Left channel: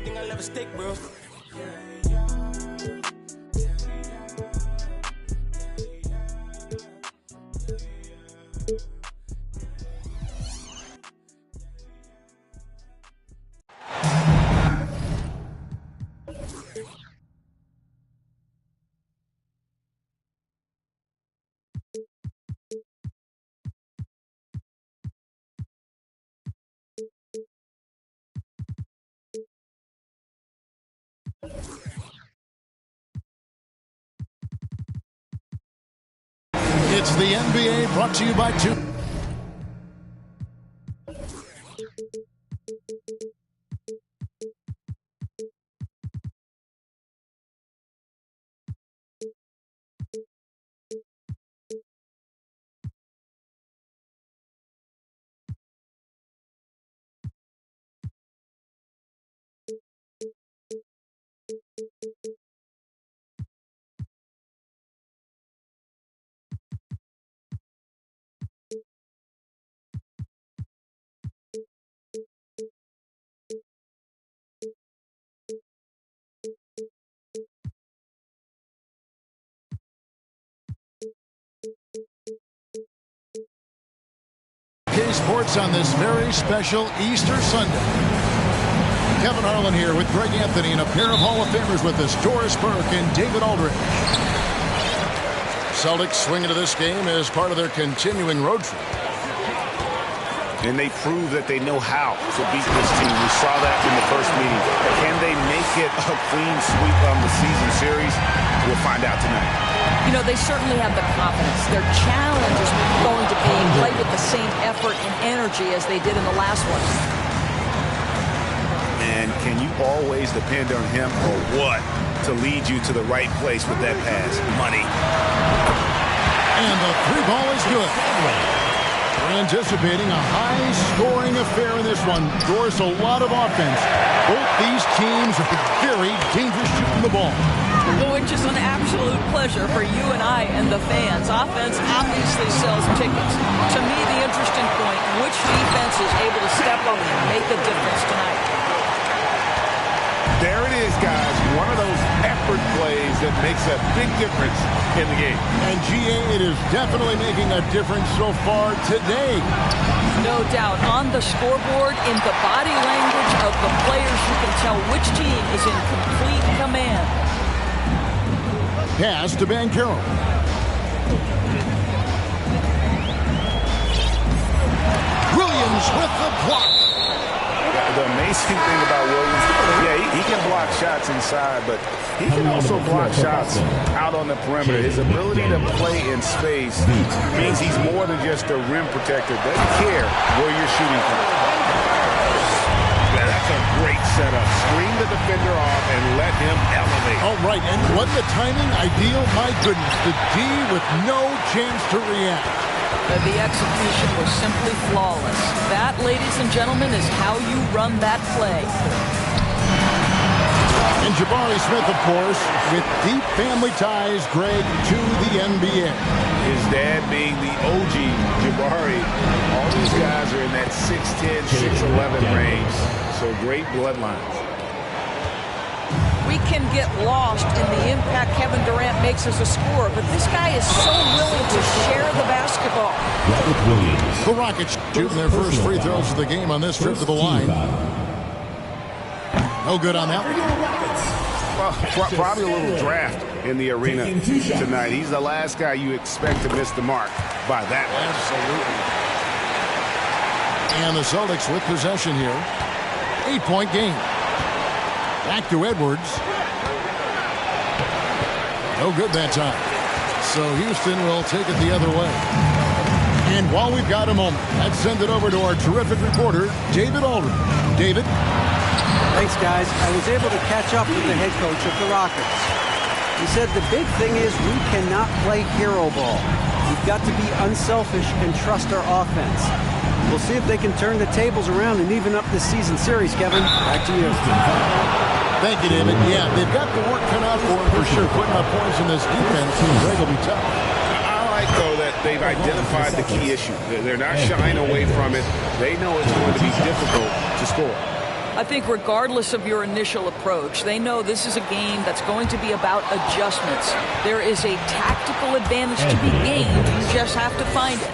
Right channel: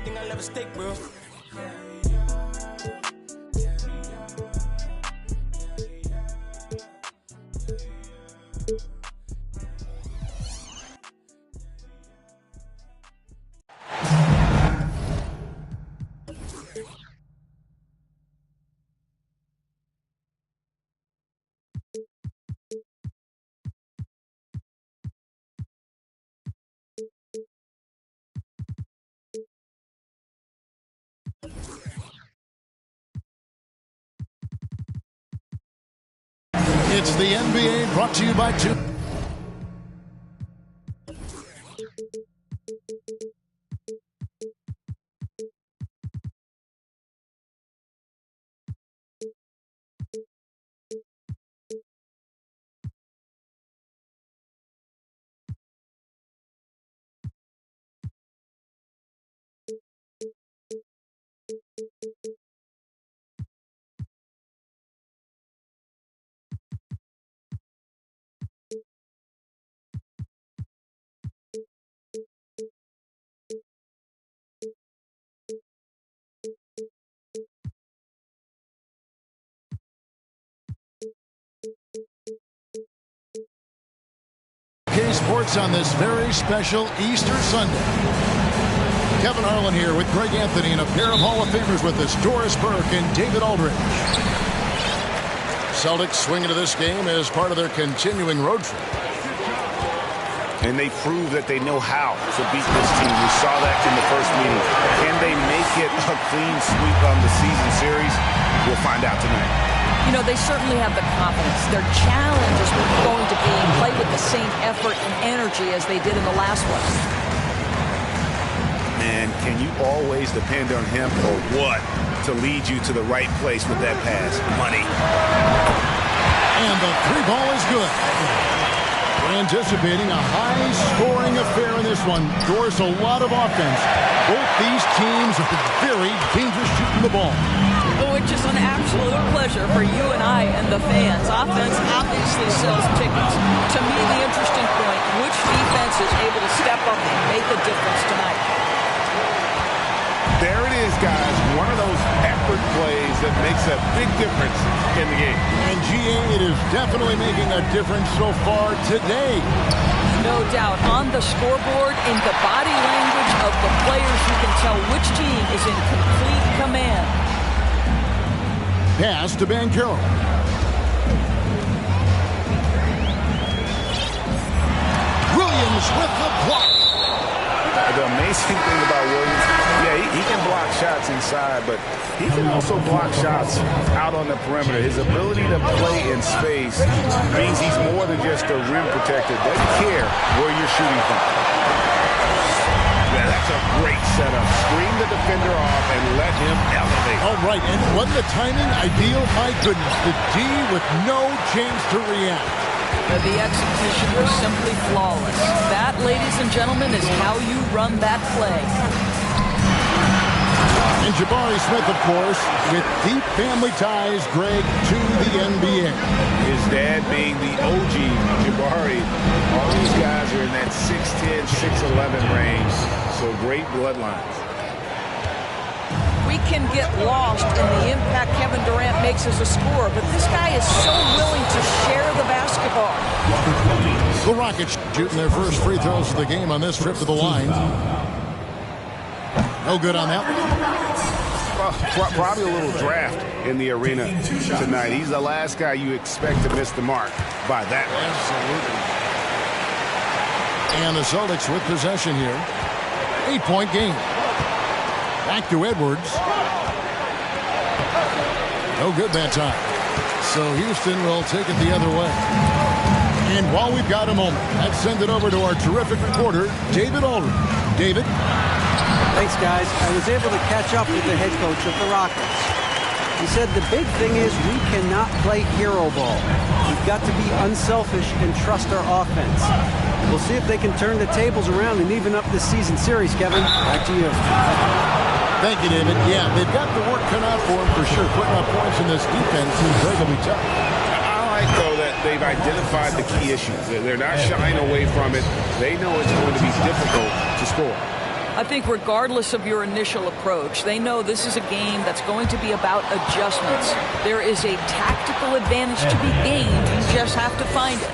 everything I'll ever stake, bro. It's the NBA brought to you by two. Sports on this very special Easter Sunday. Kevin Harlan here with Greg Anthony and a pair of Hall of Famers with us, Doris Burke and David Aldridge. Celtics swing into this game as part of their continuing road trip. And they prove that they know how to beat this team. We saw that in the first meeting. Can they make it a clean sweep on the season series? We'll find out tonight. You know, they certainly have the confidence. Their challenge is going to be play with the same effort and energy as they did in the last one. Man, can you always depend on him or what to lead you to the right place with that pass? Money. And the three ball is good. We're anticipating a high-scoring affair in this one. Doris, a lot of offense. Both these teams are very dangerous shooting the ball. Which is an absolute pleasure for you and I and the fans. Offense obviously sells tickets. To me, the interesting point, which defense is able to step up and make a difference tonight? There it is, guys. One of those effort plays that makes a big difference in the game. And GA, it is definitely making a difference so far today. No doubt. On the scoreboard, in the body language of the players, you can tell which team is in complete command. Pass to Banchero. Williams with the block. The amazing thing about Williams, yeah, he can block shots inside, but he can also block shots out on the perimeter. His ability to play in space means he's more than just a rim protector. Doesn't care where you're shooting from. Yeah, that's a great setup. Screen the defender off and let him elevate. All right, and wasn't the timing ideal? My goodness, the D with no chance to react. The execution was simply flawless. That, ladies and gentlemen, is how you run that play. And Jabari Smith, of course, with deep family ties, Greg, to the NBA. His dad being the OG Jabari. All these guys are in that 6'10", 6'11" range. So great bloodlines. We can get lost in the impact Kevin Durant makes as a scorer, but this guy is so willing to share the basketball. The Rockets shooting their first free throws of the game on this trip to the line. No good on that one. Well, probably a little draft in the arena tonight. He's the last guy you expect to miss the mark by that much. Absolutely. And the Celtics with possession here. 8-point game. Back to Edwards. No good that time. So Houston will take it the other way. And while we've got a moment, let's send it over to our terrific reporter, David Aldridge. David? Thanks, guys. I was able to catch up with the head coach of the Rockets. He said the big thing is we cannot play hero ball. We've got to be unselfish and trust our offense. We'll see if they can turn the tables around and even up this season series, Kevin. Back to you. Thank you, David. Yeah, they've got the work cut out for them for sure. Putting up points in this defense seems like it'll be tough. I like, though, that they've identified the key issue. They're not shying away from it. They know it's going to be difficult to score. I think regardless of your initial approach, they know this is a game that's going to be about adjustments. There is a tactical advantage to be gained. You just have to find it.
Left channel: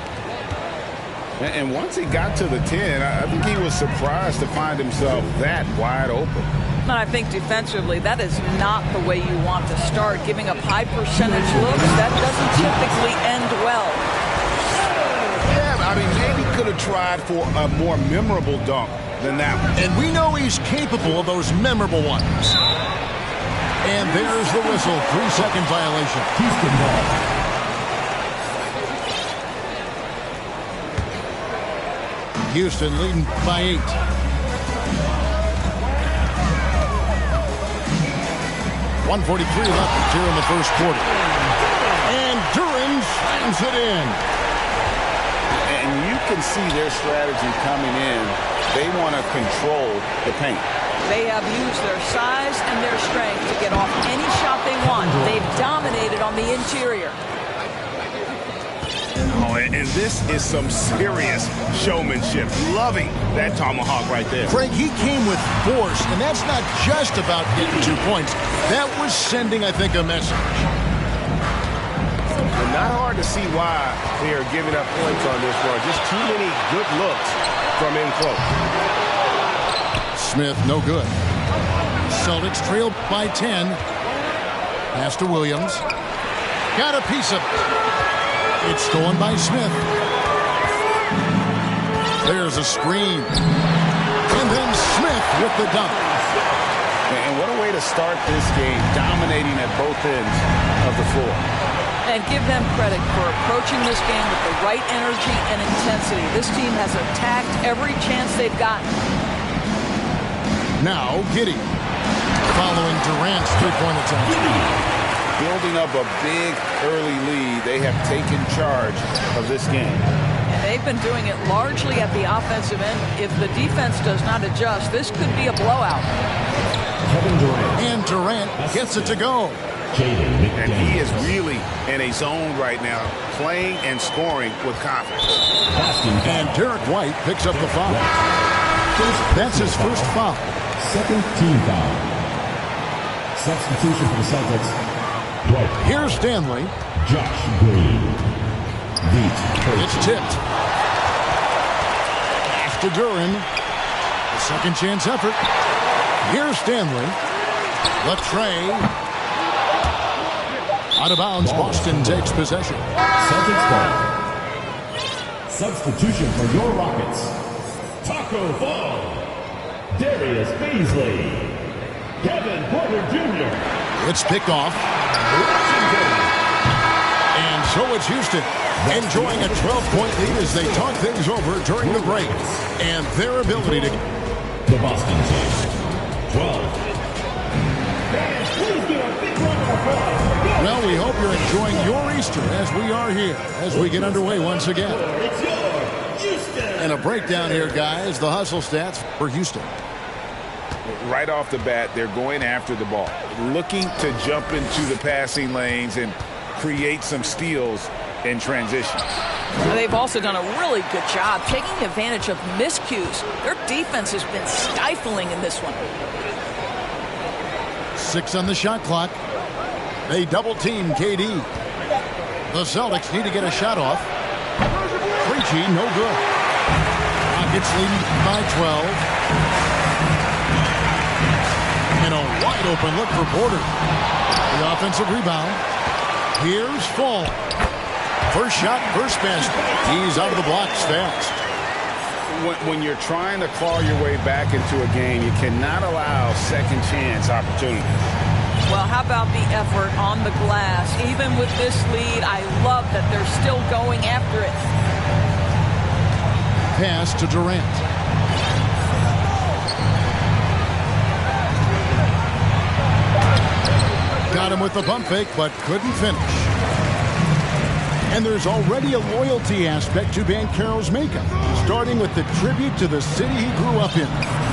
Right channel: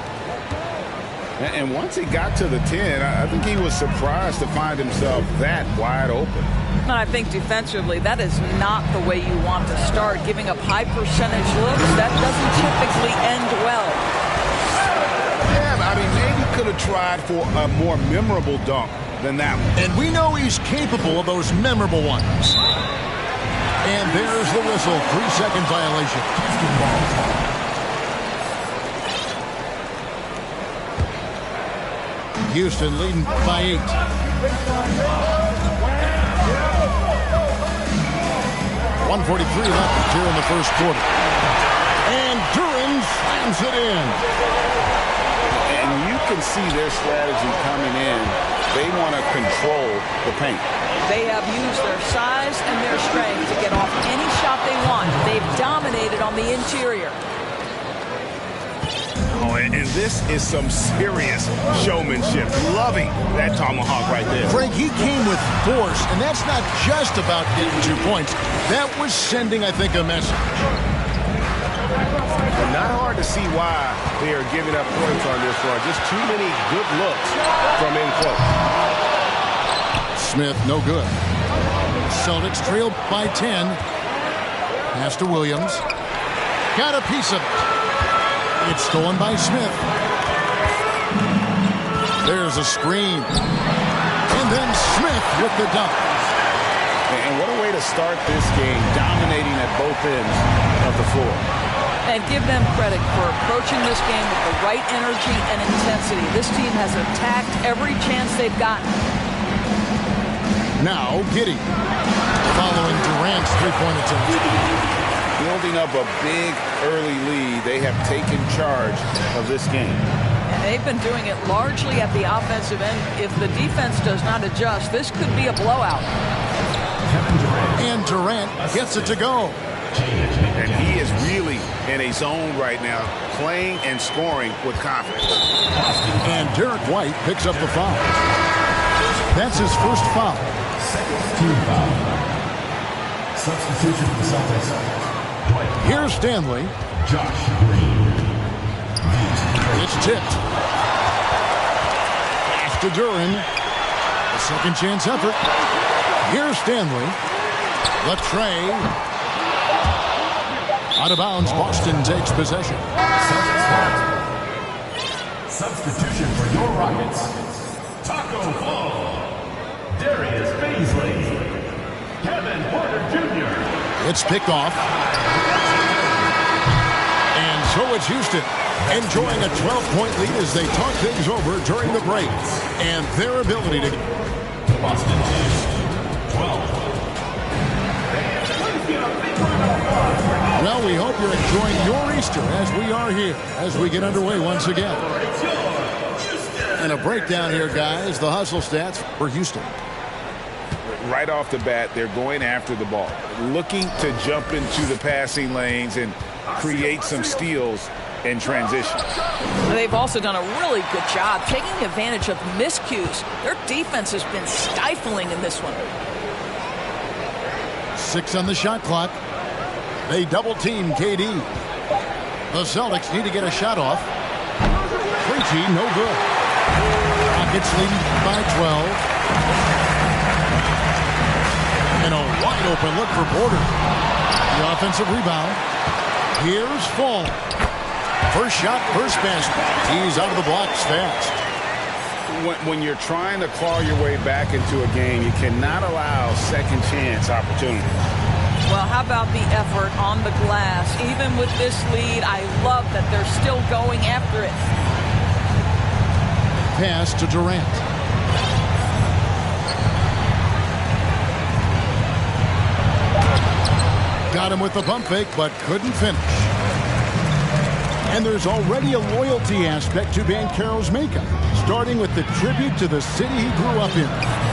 And once he got to the 10, I think he was surprised to find himself that wide open. And I think defensively, that is not the way you want to start. Giving up high percentage looks, that doesn't typically end well. Yeah, I mean, maybe could have tried for a more memorable dunk than that one. And we know he's capable of those memorable ones. And there's the whistle. 3-second violation. Houston ball. Houston leading by 8. .143 left here in the first quarter. And Duran slams it in. And you can see their strategy coming in. They want to control the paint. They have used their size and their strength to get off any shot they want. They've dominated on the interior. Oh, and this is some serious showmanship. Loving that tomahawk right there. Frank, he came with force, and that's not just about getting 2 points. That was sending, I think, a message. And not hard to see why they are giving up points on this run. Just too many good looks from in close. Smith, no good. Celtics trail by 10. Pass to Williams. Got a piece of it. It's stolen by Smith. There's a screen. And then Smith with the dunk. And what a way to start this game, dominating at both ends of the floor. And give them credit for approaching this game with the right energy and intensity. This team has attacked every chance they've gotten. Now Giddey, following Durant's three-point attempt. Building up a big early lead, they have taken charge of this game. And they've been doing it largely at the offensive end. If the defense does not adjust, this could be a blowout. And Durant gets it to go. And he is really in a zone right now, playing and scoring with confidence. And Derek White picks up the foul. That's his first foul. Second team foul. Substitution for the Celtics. White. Here's Stanley. Josh Green. It's tipped. Pass to Duran. A second chance effort. Here's Stanley. Latrey. Out of bounds. Boston takes possession. Celtics ball. Substitution for your Rockets. Taco Fall. Darius Baisley. Kevin Porter Jr. It's picked off. And so it's Houston enjoying a 12-point lead as they talk things over during the break. And their ability to... The Boston takes 12. Well, we hope you're enjoying your Easter as we are here, as we get underway once again. And a breakdown here, guys. The hustle stats for Houston. Right off the bat, they're going after the ball, looking to jump into the passing lanes and create some steals in transition. They've also done a really good job taking advantage of miscues. Their defense has been stifling in this one. 6 on the shot clock. They double-team KD. The Celtics need to get a shot off. Preachy, no good. Rockets leading by 12. And a wide-open look for Porter. The offensive rebound. Here's Fall. First shot, first basket. He's out of the blocks fast. When you're trying to claw your way back into a game, you cannot allow second chance opportunities. Well, how about the effort on the glass? Even with this lead, I love that they're still going after it. Pass to Durant. Got him with the pump fake, but couldn't finish. And there's already a loyalty aspect to Banchero's makeup, starting with the tribute to the city he grew up in.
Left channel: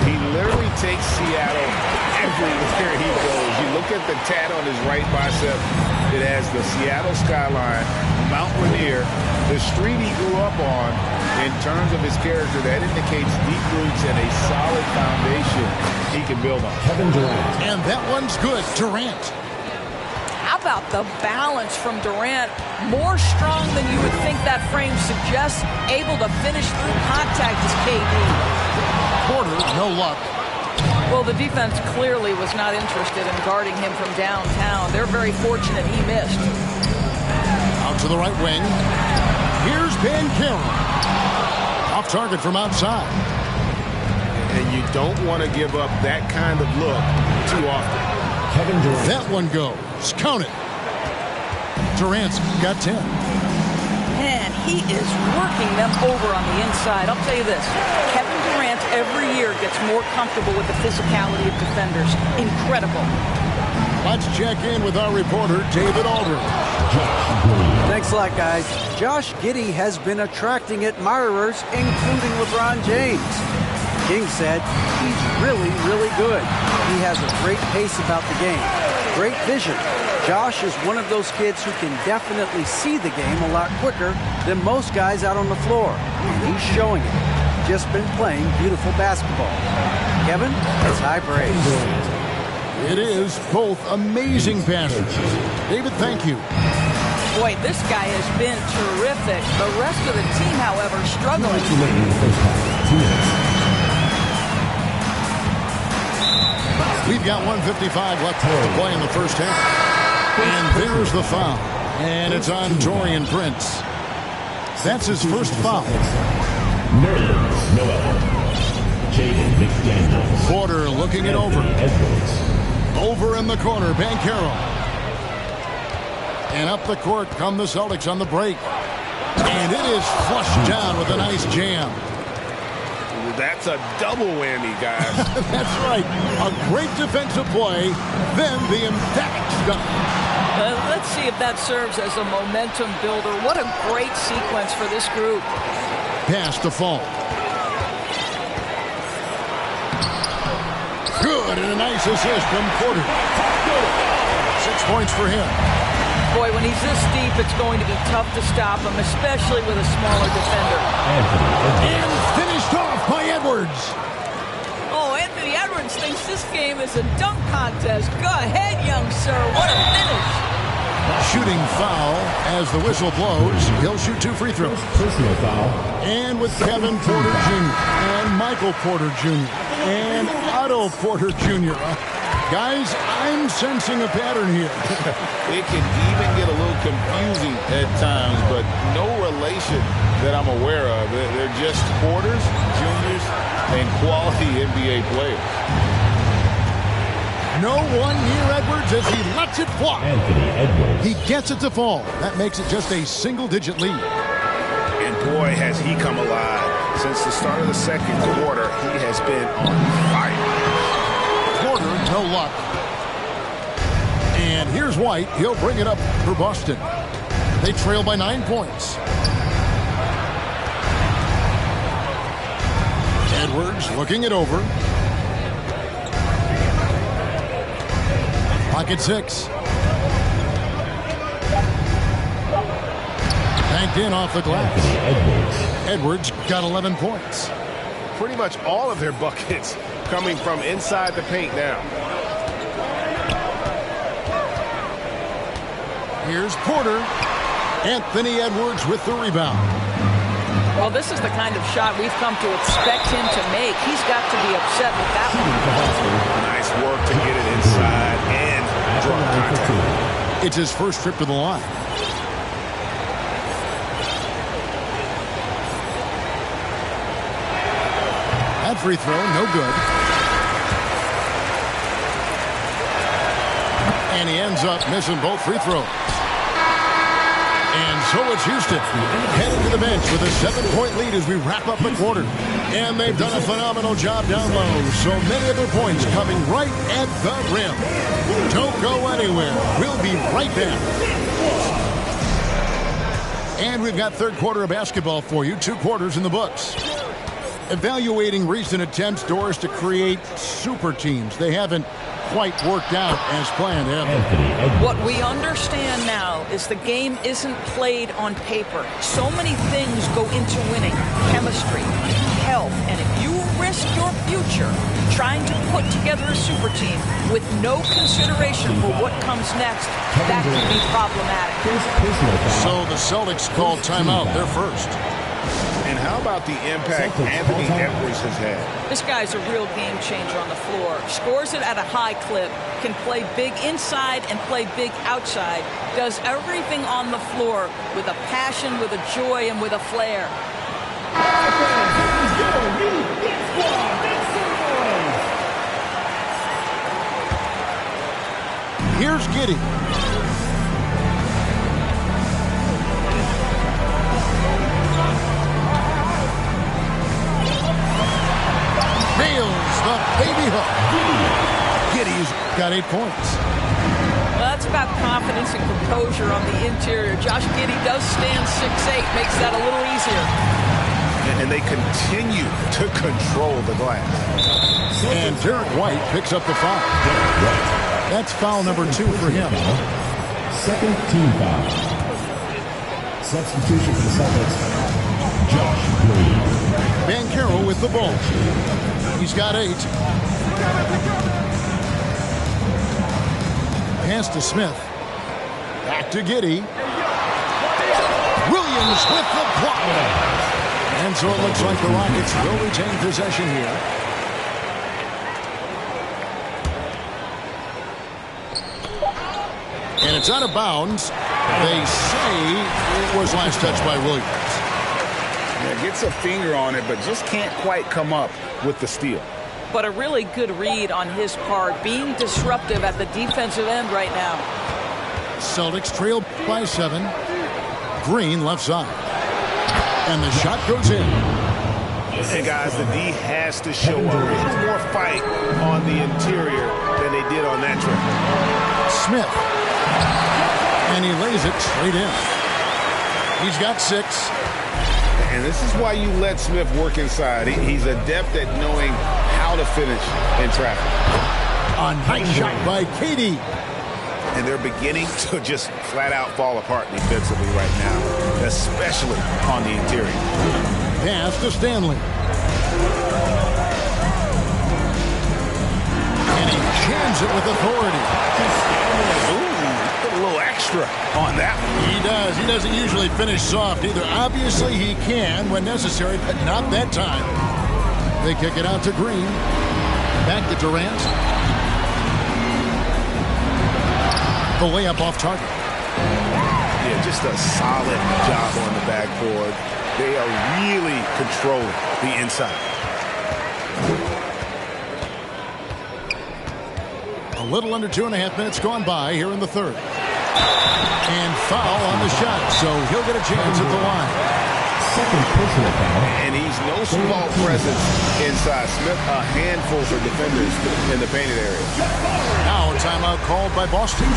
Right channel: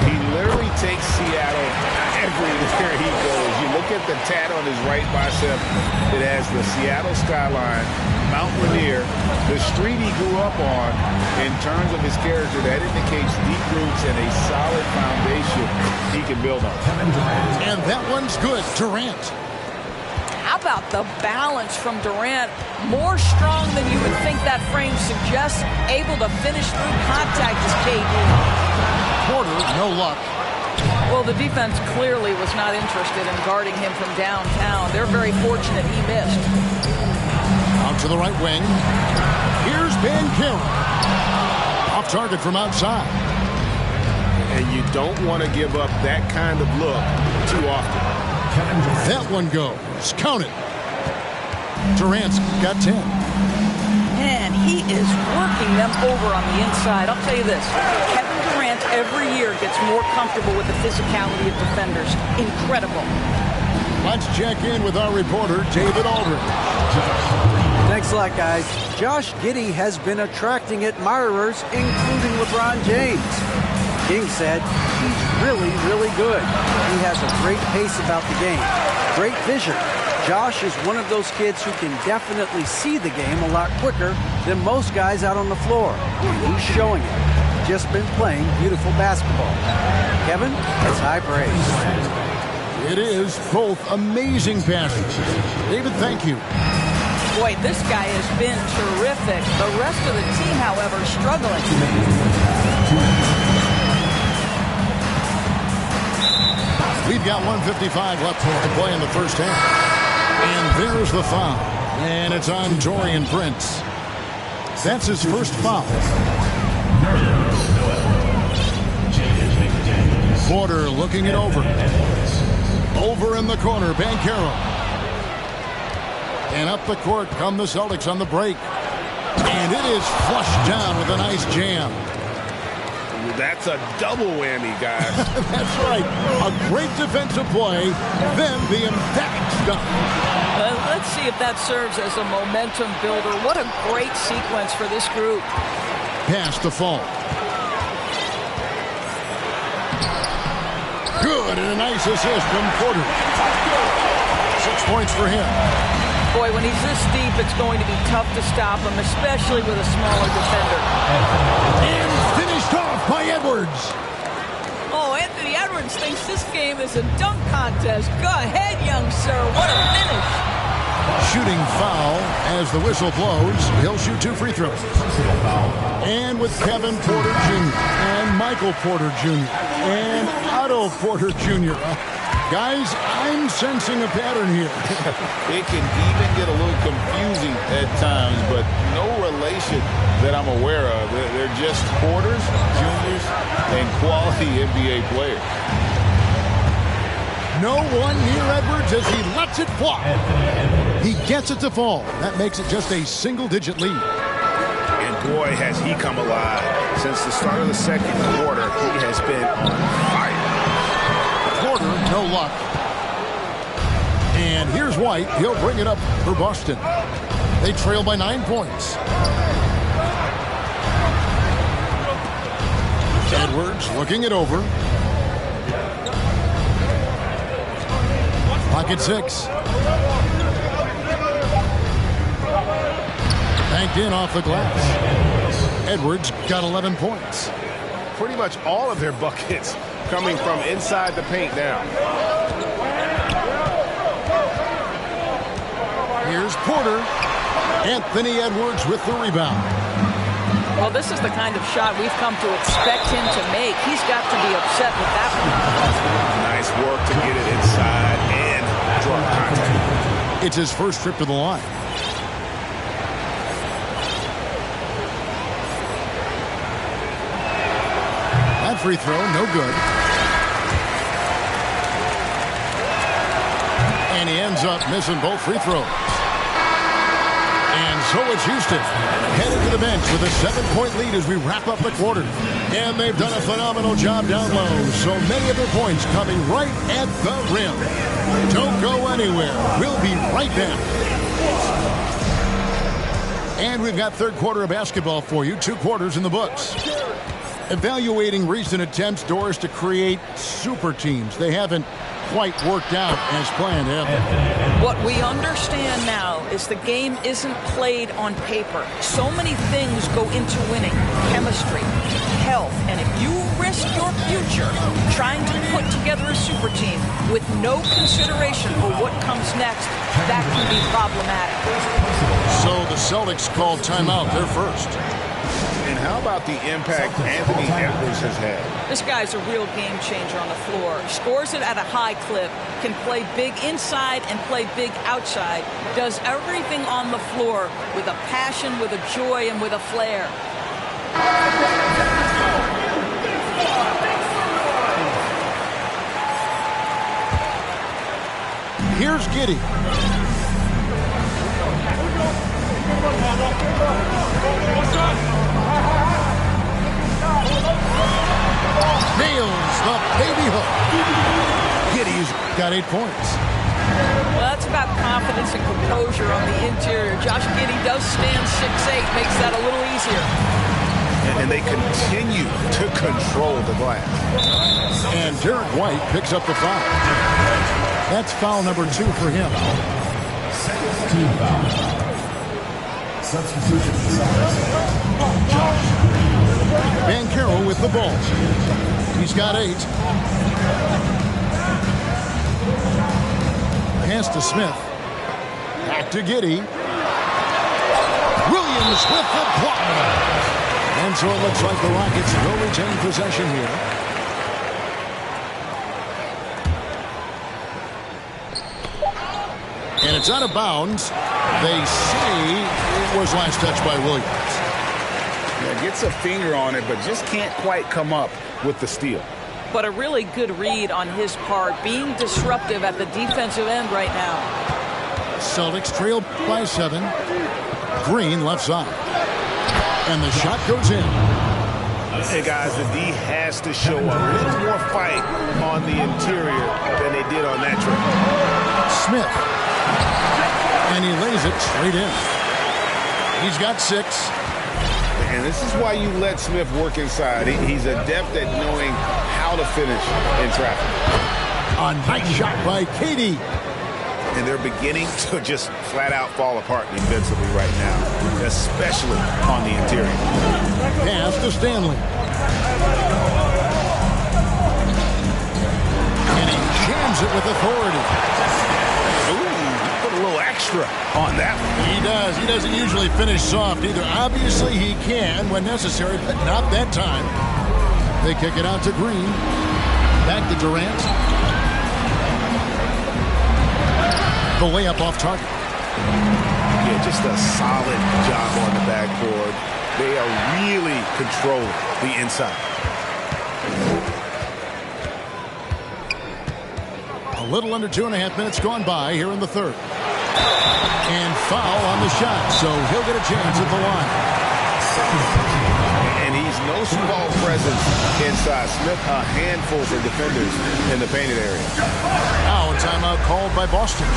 He literally takes Seattle everywhere he goes. You look at the tat on his right bicep. It has the Seattle skyline, Mount Rainier, the street he grew up on. In terms of his character, that indicates deep roots and a solid foundation he can build on. Kevin Durant. And that one's good. Durant. How about the balance from Durant? More strong than you would think that frame suggests. Able to finish through contact is KD. Porter, no luck. Well, the defense clearly was not interested in guarding him from downtown. They're very fortunate he missed. Out to the right wing. Here's Banchero. Off target from outside. And you don't want to give up that kind of look too often. Kevin Durant. That one goes. Count it. Durant's got 10. Man, he is working them over on the inside. I'll tell you this. Kevin Durant every year gets more comfortable with the physicality of defenders. Incredible. Let's check in with our reporter, David Aldridge. Thanks a lot, guys. Josh Giddey has been attracting admirers, including LeBron James. King said he's really, really good. He has a great pace about the game, great vision. Josh is one of those kids who can definitely see the game a lot quicker than most guys out on the floor, and he's showing it. Just been playing beautiful basketball. Kevin, that's high praise. It is both amazing passes. David, thank you. Boy, this guy has been terrific. The rest of the team, however, struggling. We've got 1:55 left to play in the first half. And there's the foul. And it's on Taurean Prince. That's his first foul. Porter looking it over. Over in the corner, Banchero. And up the court come the Celtics on the break. And it is flushed down with a nice jam. That's a double whammy, guys. That's right. A great defensive play, then the emphatic stuff. Let's see if that serves as a momentum builder. What a great sequence for this group. Pass to Fall. Good, and a nice assist from Porter. 6 points for him. Boy, when he's this deep, it's going to be tough to stop him, especially with a smaller defender. And finished off by Edwards. Oh, Anthony Edwards thinks this game is a dunk contest. Go ahead, young sir. What a finish. Shooting foul as the whistle blows. He'll shoot 2 free throws. Personal foul. And with Kevin Porter Jr. and Michael Porter Jr. and Otto Porter Jr. Guys, I'm sensing a pattern here. It can even get a little confusing at times, but no relation that I'm aware of. They're just Porters, Juniors, and quality NBA players. No one near Edwards as he lets it fly. Anthony Edwards. He gets it to fall. That makes it just a single-digit lead. And boy, has he come alive. Since the start of the second quarter, he has been on fire. Porter, no luck. And here's White. He'll bring it up for Boston. They trail by 9 points. Edwards looking it over. Pocket 6. Banked in off the glass. Edwards got 11 points. Pretty much all of their buckets coming from inside the paint now. Here's Porter. Anthony Edwards with the rebound. Well, this is the kind of shot we've come to expect him to make. He's got to be upset with that one. Nice work to get it inside and draw contact. It's his first trip to the line. That free throw, no good. And he ends up missing both free throws. And so it's Houston headed to the bench with a 7-point lead as we wrap up the quarter. And they've done a phenomenal job down low. So many of their points coming right at the rim. Don't go anywhere. We'll be right back. And we've got third quarter of basketball for you. 2 quarters in the books. Evaluating recent attempts, Doris, to create super teams. They haven't quite worked out as planned, have they? Anthony Edwards. What we understand now is the game isn't played on paper. So many things go into winning. Chemistry, health, and if you risk your future trying to put together a super team with no consideration for what comes next, that can be problematic. So the Celtics called timeout. They're first. And how about the impact Anthony Edwards has had? This guy's a real game changer on the floor. Scores it at a high clip, can play big inside and play big outside, does everything on the floor with a passion, with a joy, and with a flair. Here's Giddey. Nails the baby hook. Giddey's got 8 points. Well, that's about confidence and composure on the interior. Josh Giddey does stand 6'8", makes that a little easier. And they continue to control the glass. And Derek White picks up the foul. That's foul number 2 for him. Second team foul. Substitution for the Celtics. Josh Green. Banchero with the ball. He's got 8. Pass to Smith. Back to Giddey. Williams with the block. And so it looks like the Rockets will retain possession here. And it's out of bounds. They say it was last touched by Williams. Yeah, gets a finger on it, but just can't quite come up with the steal. But a really good read on his part, being disruptive at the defensive end right now. Celtics trail by 7. Green left side. And the shot goes in. And guys, the D has to show a little more fight on the interior than they did on that trip. Smith. And he lays it straight in. He's got 6. And this is why you let Smith work inside. He's adept at knowing how to finish in traffic. A nice shot by Katie. And they're beginning to just flat out fall apart defensively right now, especially on the interior. Pass to Stanley. And he jams it with authority. Ooh, he put a little extra on that one. He does. He doesn't usually finish soft either. Obviously, he can when necessary, but not that time. They kick it out to Green. Back to Durant. The layup off target. Yeah, just a solid job on the backboard. They are really controlling the inside. A little under 2.5 minutes gone by here in the third. And foul on the shot, so he'll get a chance at the line. Second personal foul. And he's no small presence inside. Smith, a handful for defenders in the painted area. Now a timeout called by Boston.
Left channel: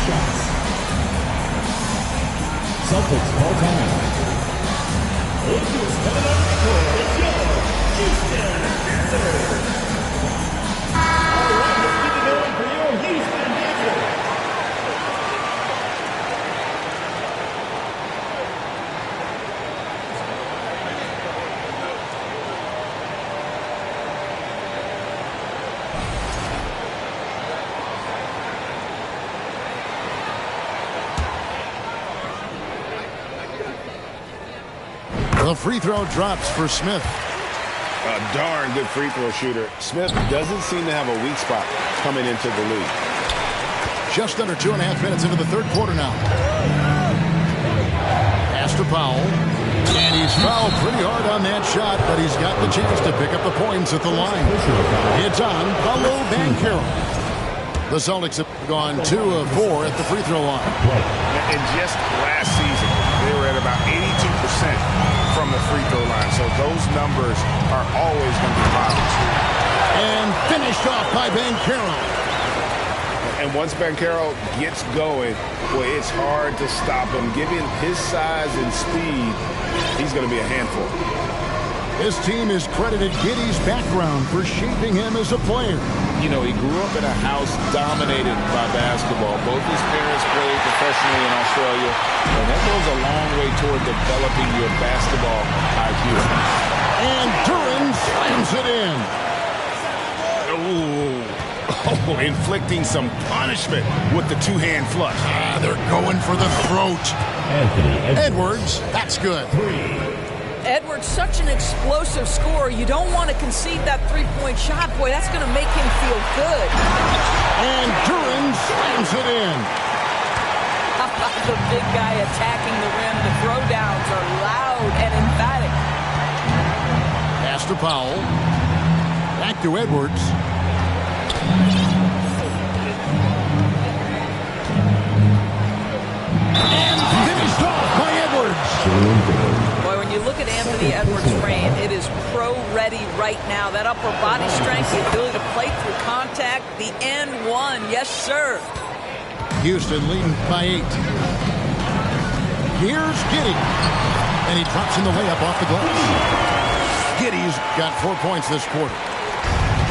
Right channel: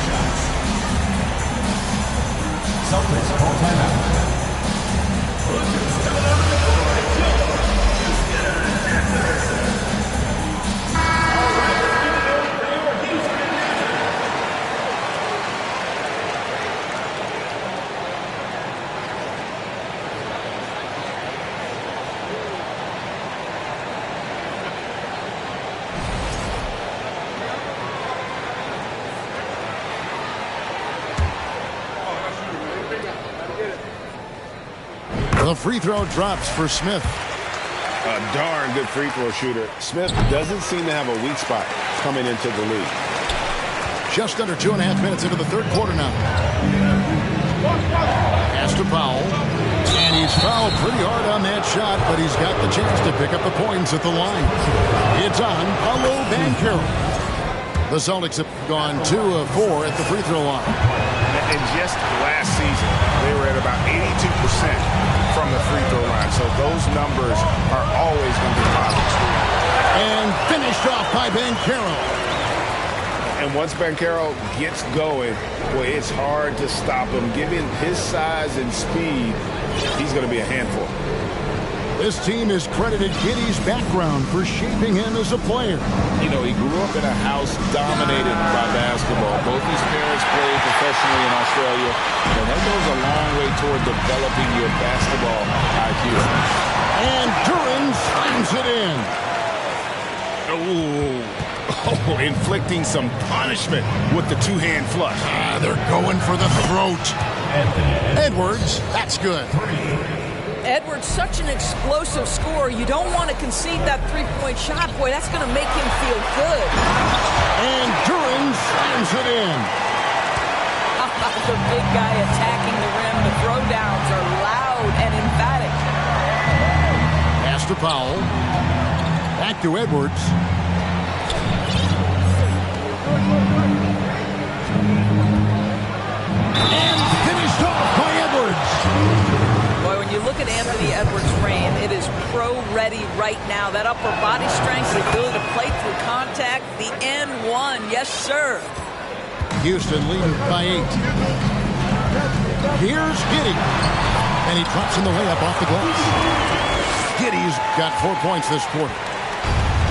Celtics call timeout. The free throw drops for Smith. A darn good free throw shooter. Smith doesn't seem to have a weak spot coming into the league. Just under 2.5 minutes into the third quarter now. Pass to Powell. And he's fouled pretty hard on that shot, but he's got the chance to pick up the points at the line. It's on Paolo Banchero. The Celtics have gone 2 of 4 at the free throw line. And just last season, they were at about 82% from the free throw line. So those numbers are always going to be positive. And finished off by Banchero. And once Banchero gets going, boy, it's hard to stop him. Given his size and speed, he's going to be a handful. This team has credited Giddey's background for shaping him as a player. you know, he grew up in a house dominated by basketball. Both his parents played professionally in Australia, and that goes a long way toward developing your basketball IQ. And Duran slams it in. Oh, inflicting some punishment with the two-hand flush. They're going for the throat. Anthony Edwards, that's good. Edwards, such an explosive scorer. You don't want to concede that three-point shot. Boy, that's going to make him feel good. And Duran slams it in. How about the big guy attacking the rim? The throwdowns are loud and emphatic. Pass to Powell. Back to Edwards. And finished off by Edwards. Boy, when you look at Anthony Edwards' frame, it is pro-ready right now. That upper body strength, the ability to play through contact, the and one. Yes, sir. Houston leading by 8. Here's Giddey. And he drops in the layup off the glass. Giddey's got 4 points this quarter.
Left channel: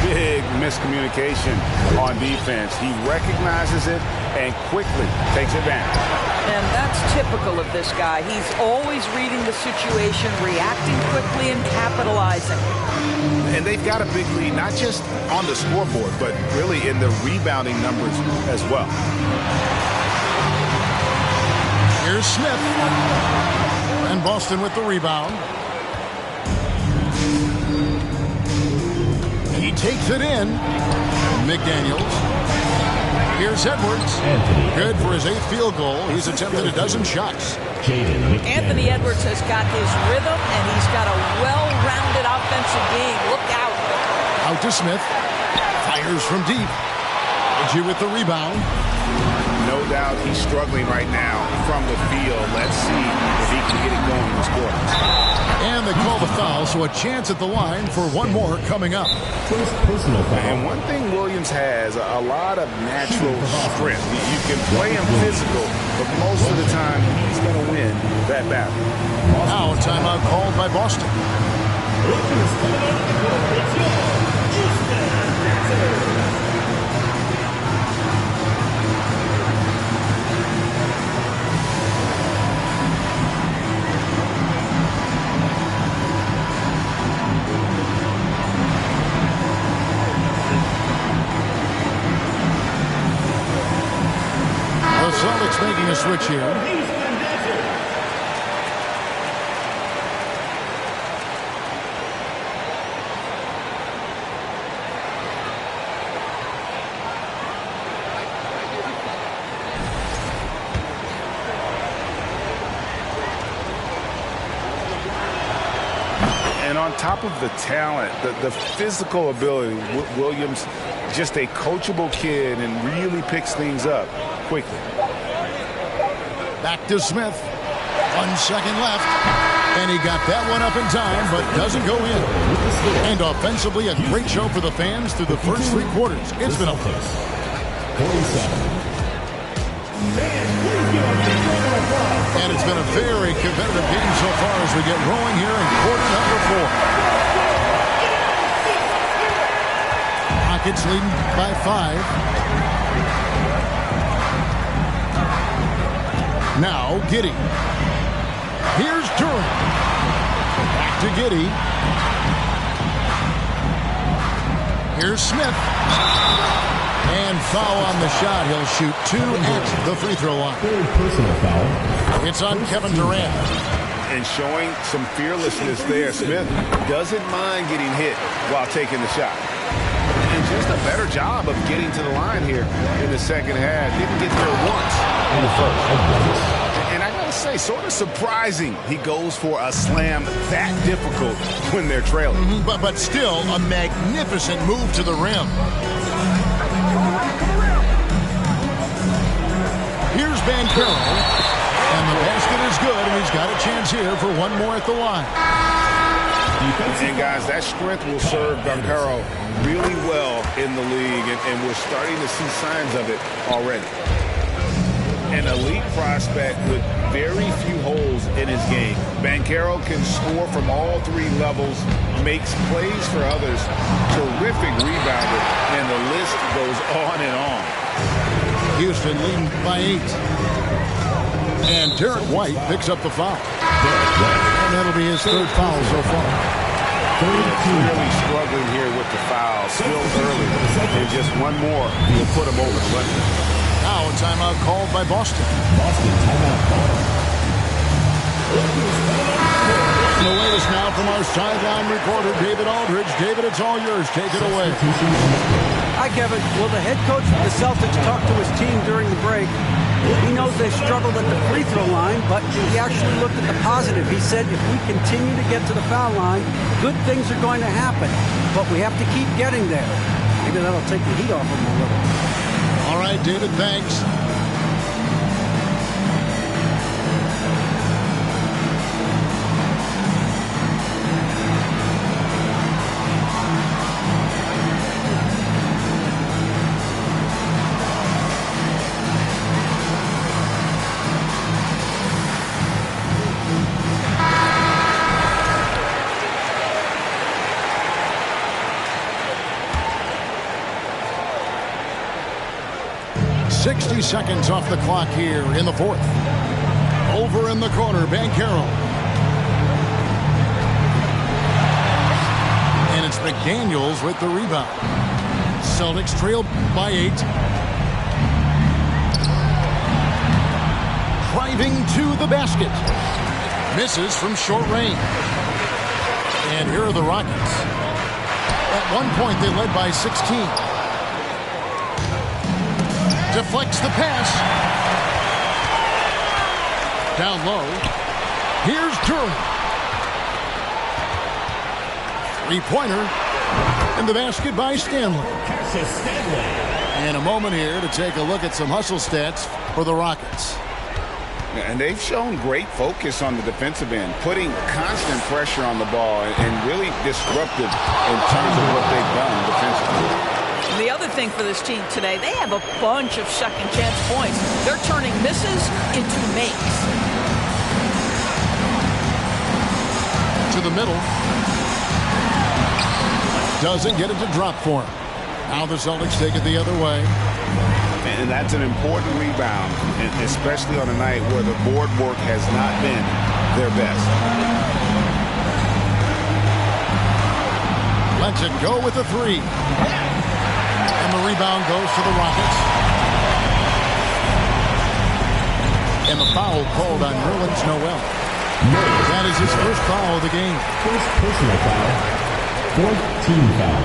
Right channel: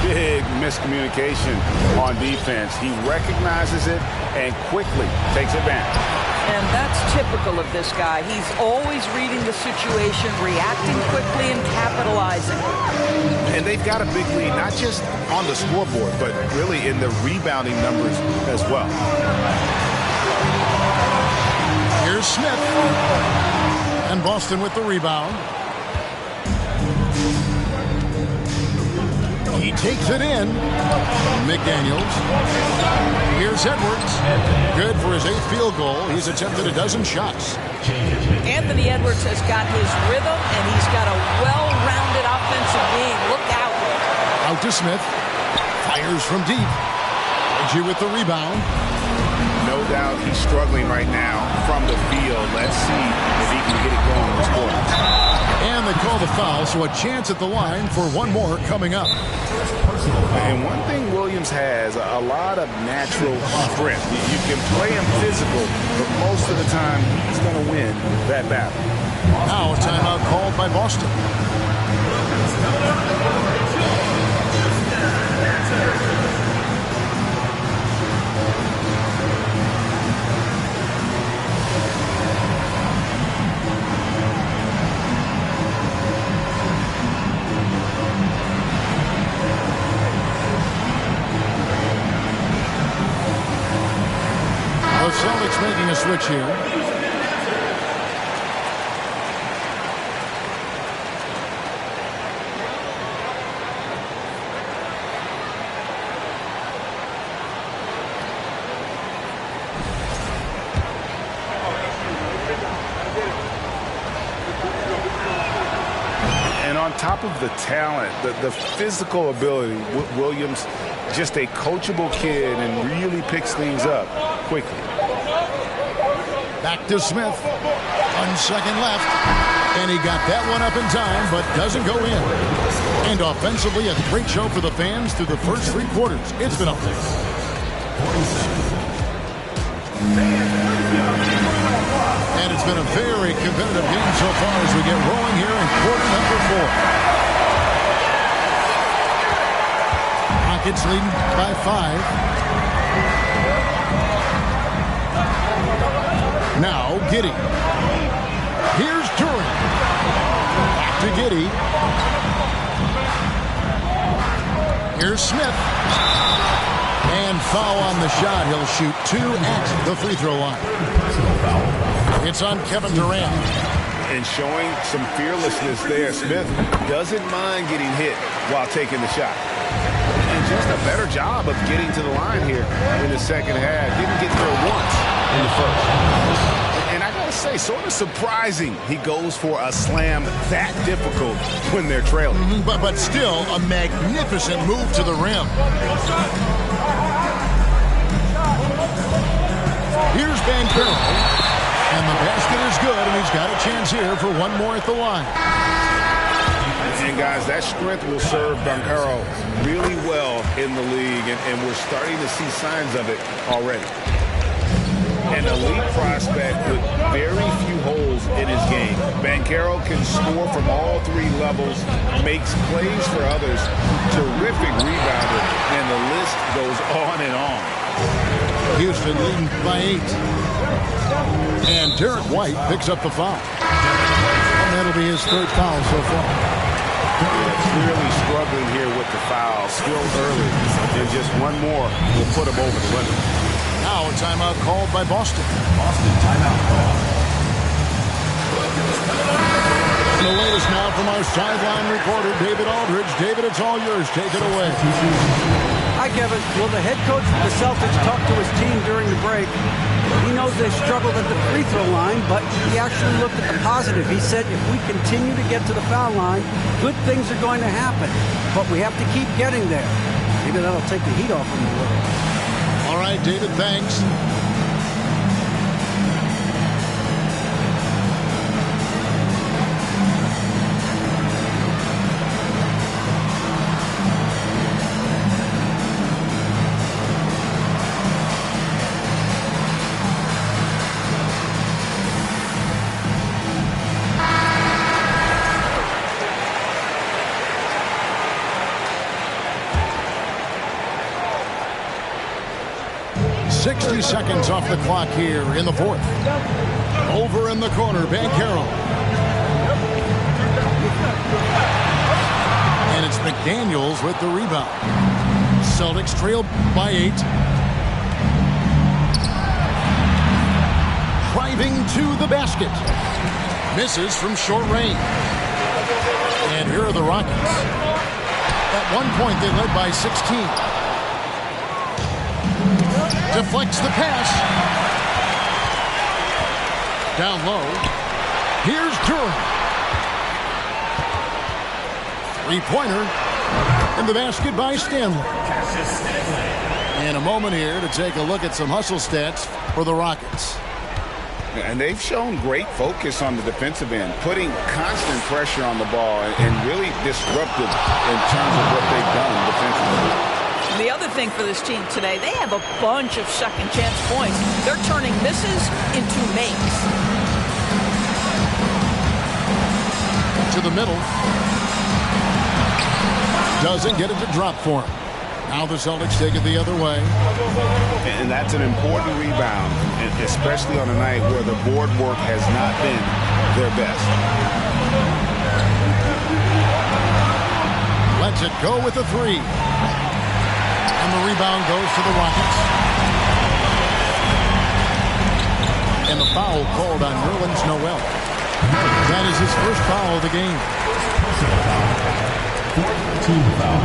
Big miscommunication on defense. He recognizes it and quickly takes advantage. And that's typical of this guy. He's always reading the situation, reacting quickly, and capitalizing. And they've got a big lead, not just on the scoreboard, but really in the rebounding numbers as well. Here's Smith. And Boston with the rebound. He takes it in. McDaniels. Here's Edwards. Good for his 8th field goal. He's attempted a dozen shots. Anthony Edwards has got his rhythm, and he's got a well-rounded offensive game. Look out. Out to Smith. Fires from deep. Reggie with the rebound. No doubt he's struggling right now from the field. Let's see if he can get it going this quarter. And they call the foul, so a chance at the line for one more coming up. First personal foul. And one thing Williams has, a lot of natural strength. You can play him physical, but most of the time he's going to win that battle. Now a timeout called by Boston. The Celtics making a switch here. And on top of the talent, the physical ability, Williams, just a coachable kid and really picks things up quickly. Back to Smith. 1 second left. And he got that one up in time, but doesn't go in. And offensively, a great show for the fans through the first 3 quarters. It's been a 47. And it's been a very competitive game so far as we get rolling here in quarter number 4. Rockets leading by 5. Now Giddey. Here's Duran. Back to Giddey. Here's Smith. And foul on the shot. He'll shoot 2 at the free throw line. Third personal foul. It's on Kevin Durant. And showing some fearlessness there. Smith doesn't mind getting hit while taking the shot. And just a better job of getting to the line here in the second half. Didn't get there once in the first. And I gotta say, sort of surprising he goes for a slam that difficult when they're trailing. But still a magnificent move to the rim. Here's Bankero, and the basket is good, and he's got a chance here for one more at the line. And guys, that strength will serve Bankero really well in the league, and we're starting to see signs of it already. An elite prospect with very few holes in his game. Bankero can score from all 3 levels, makes plays for others. Terrific terrific rebounder, and the list goes on and on. Houston leading by 8. And Derek White picks up the foul. And that'll be his 3rd foul so far. Yeah, clearly struggling here with the foul. Still early. And just one more will put him over the limit. Now a timeout called by Boston. Boston timeout call. The latest now from our sideline reporter, David Aldridge. David, it's all yours. Take it away. Hi, Kevin. Well, the head coach of the Celtics talked to his team during the break. He knows they struggled at the free throw line, but he actually looked at the positive. He said if we continue to get to the foul line, good things are going to happen. But we have to keep getting there. Maybe that'll take the heat off him a little. All right, David, thanks. Seconds off the clock here in the 4th. Over in the corner, Banchero. And it's McDaniels with the rebound. Celtics trail by 8. Driving to the basket. Misses from short range. And here are the Rockets. At one point, they led by 16. Deflects the pass. Down low. Here's Durant. 3-pointer. And the basket by Stanley. And a moment here to take a look at some hustle stats for the Rockets. And they've shown great focus on the defensive end, putting constant pressure on the ball and really disruptive in terms of what they've done defensively. The other thing for this team today, they have a bunch of second chance points. They're turning misses into makes. To the middle. Doesn't get it to drop for him. Now the Celtics take it the other way. And that's an important rebound, especially on a night where the board work has not been their best. Lets it go with a 3. And the rebound goes to the Rockets. And the foul called on Nerlens Noel. That is his first foul of the game. First personal foul. 4th team foul.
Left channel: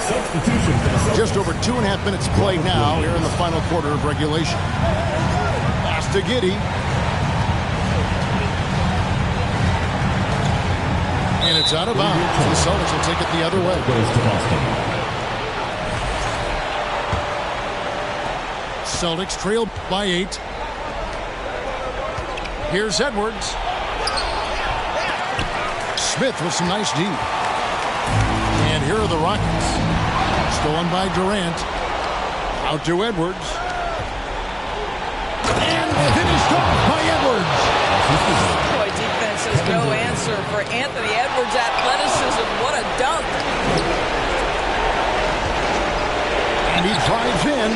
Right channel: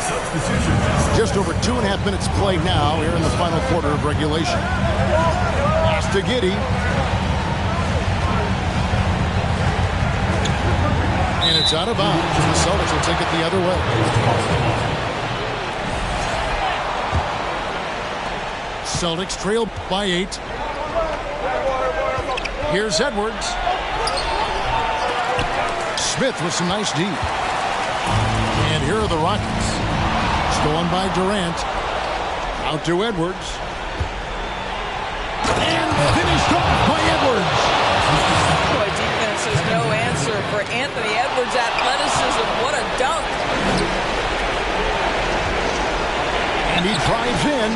Substitution foul. Just over 2.5 minutes played now here in the final quarter of regulation. Pass to Giddey. And it's out of bounds. The Celtics will take it the other way. Celtics trail by 8. Here's Edwards. Smith with some nice D. And here are the Rockets. Stolen by Durant. Out to Edwards. And finished off by Edwards. Boy, defense has no answer for Anthony Edwards' athleticism. What a dunk. And he drives in.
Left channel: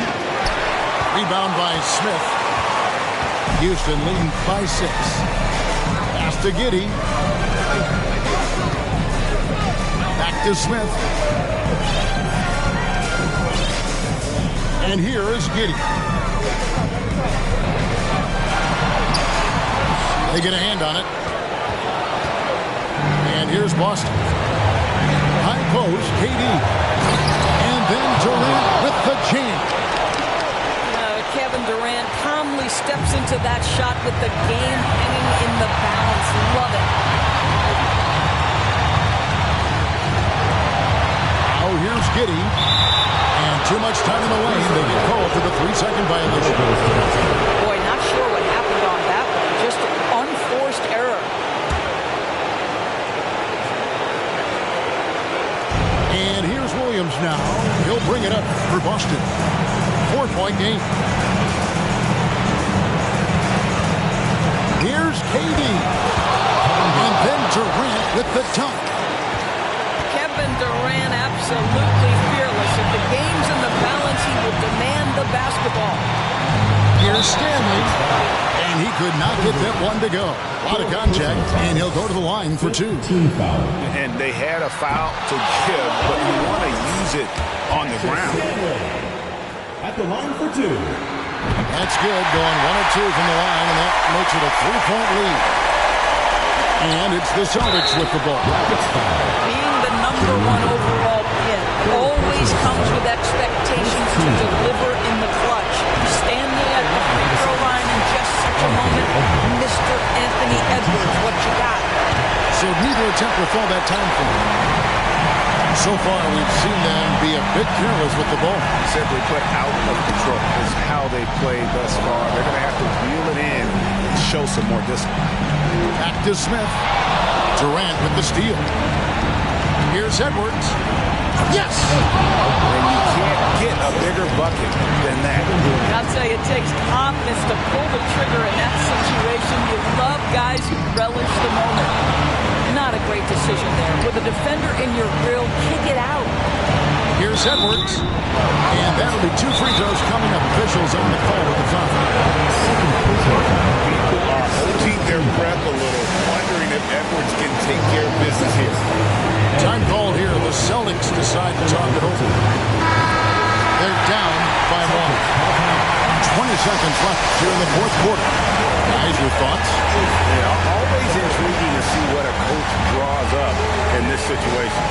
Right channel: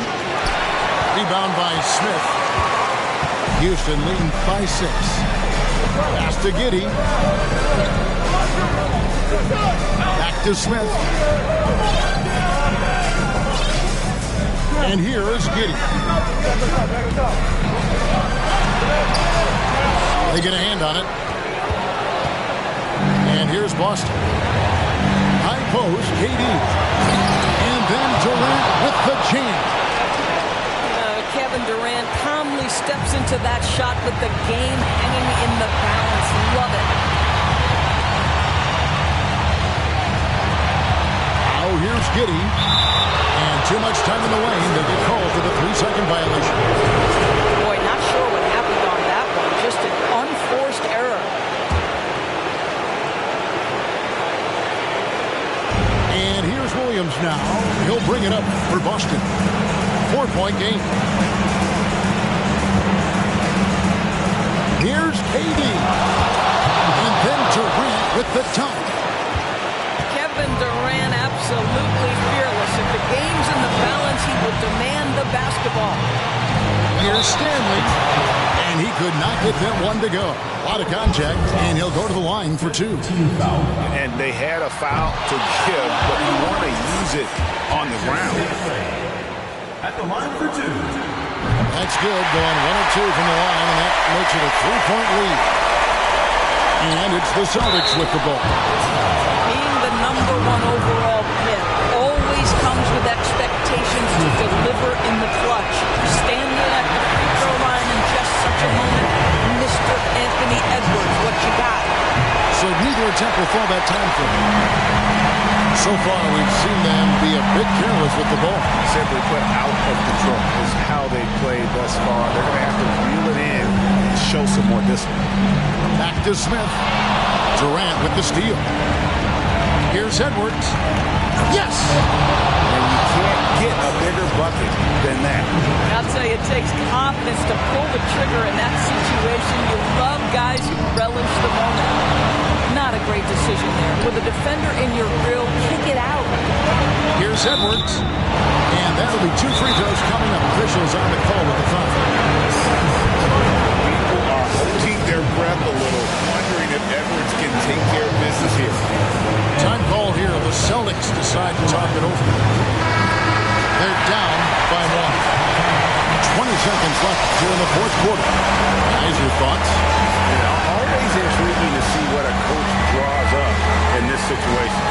Rebound by Smith. Houston leading by 6. Pass to Giddey. Back to Smith. And here is Giddey. They get a hand on it. And here's Boston. High post, KD. And then Durant with the jam. Kevin Durant calmly steps into that shot with the game hanging in the balance. Love it. Now here's Giddey. And too much time in the lane. They get called for the 3-second violation. Boy, not sure what happened on that one. Just an unforced error. And here's Williams now. He'll bring it up for Boston. 4-point game. Here's KD. And then Durant with the dunk. Kevin Durant absolutely absolutely fearless. If the game's in the balance, he will demand the basketball. Here's Stanley, and he could not get that one to go. A lot of contact, and he'll go to the line for 2. Team foul. And they had a foul to give, but you want to use it on the ground. At the line for 2. That's good, going 1 or 2 from the line, and that makes it a 3-point lead. And it's the Celtics with the ball. Being the #1 overall pick always comes with expectations to deliver in the clutch. Standing at the free throw line in just such a moment, Mr. Anthony Edwards, what you got? So neither attempt will fall that time for him. So far, we've seen them be a bit careless with the ball. Simply put, out of control is how they played thus far. They're going to have to reel it in and show some more discipline. Back to Smith. Durant with the steal. Here's Edwards. Yes! And you can't get a bigger bucket than that. I'll tell you, it takes confidence to pull the trigger in that situation. You love guys who relish the moment. Not a great decision there. With a defender in your grill, kick it out. Here's Edwards. And that'll be 2 free throws coming up. Officials on the call with the foul. People are holding their breath a little, wondering if Edwards can take care of business here. Time called here. The Celtics decide to talk it over. They're down by 1. 20 seconds left here in the fourth quarter. Guys, your thoughts? Yeah, always intriguing to see what a coach draws up in this situation.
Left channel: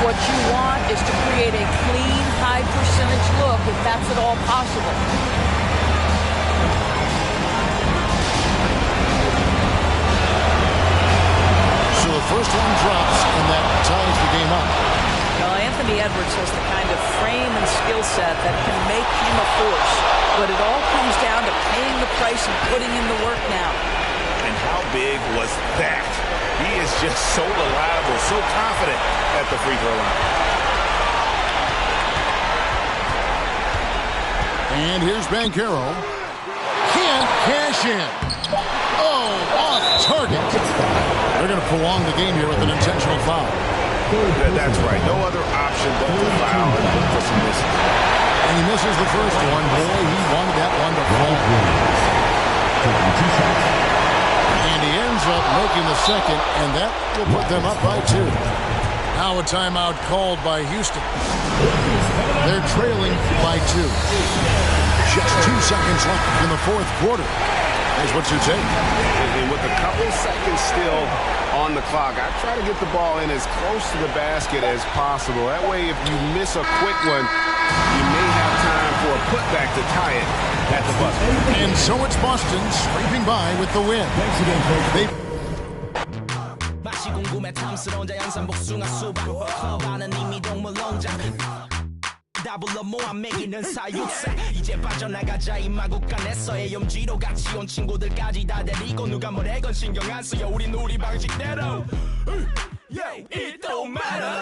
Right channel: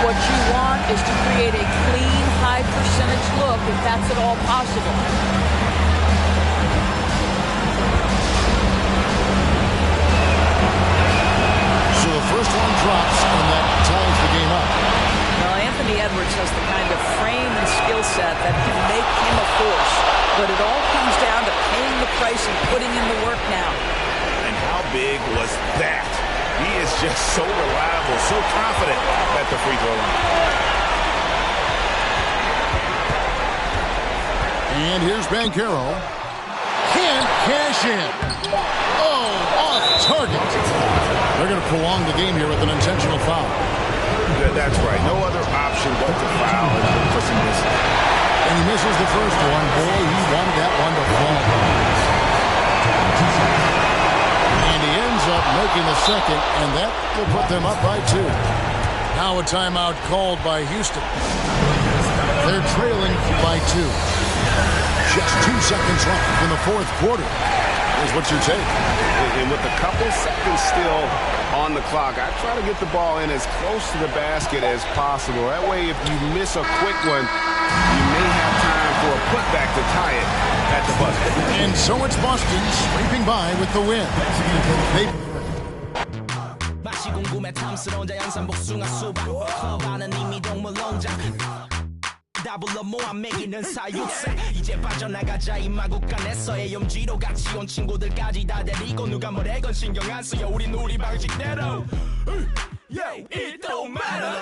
What you want is to create a clean, high-percentage look, if that's at all possible. So the first one drops, and that ties the game up. Well, Anthony Edwards has the kind of frame and skill set that can make him a force. But it all comes down to paying the price and putting in the work now. And how big was that? He is just so reliable, so confident at the free throw line. And here's Banchero. Can't cash in. Oh, off target. They're going to prolong the game here with an intentional foul. That's right. No other option but to foul and look for some misses. And he misses the first one. Boy, he wanted that one to fall. And he ends up making the second, and that will put them up by 2. Now a timeout called by Houston. They're trailing by 2. Just 2 seconds left in the fourth quarter. Here's what's your take. And with a couple seconds still on the clock, I try to get the ball in as close to the basket as possible. That way, if you miss a quick one, you may have time for a putback to tie it at the buzzer. And so it's Boston scraping by with the win. They 불러 모아 매기는 사육사 이제 빠져나가자 이 마구간에서의 염지로 같이 온 친구들까지 다 데리고 누가 뭐래건 신경 안 써요 우린 우리 방식대로 Yeah, it don't matter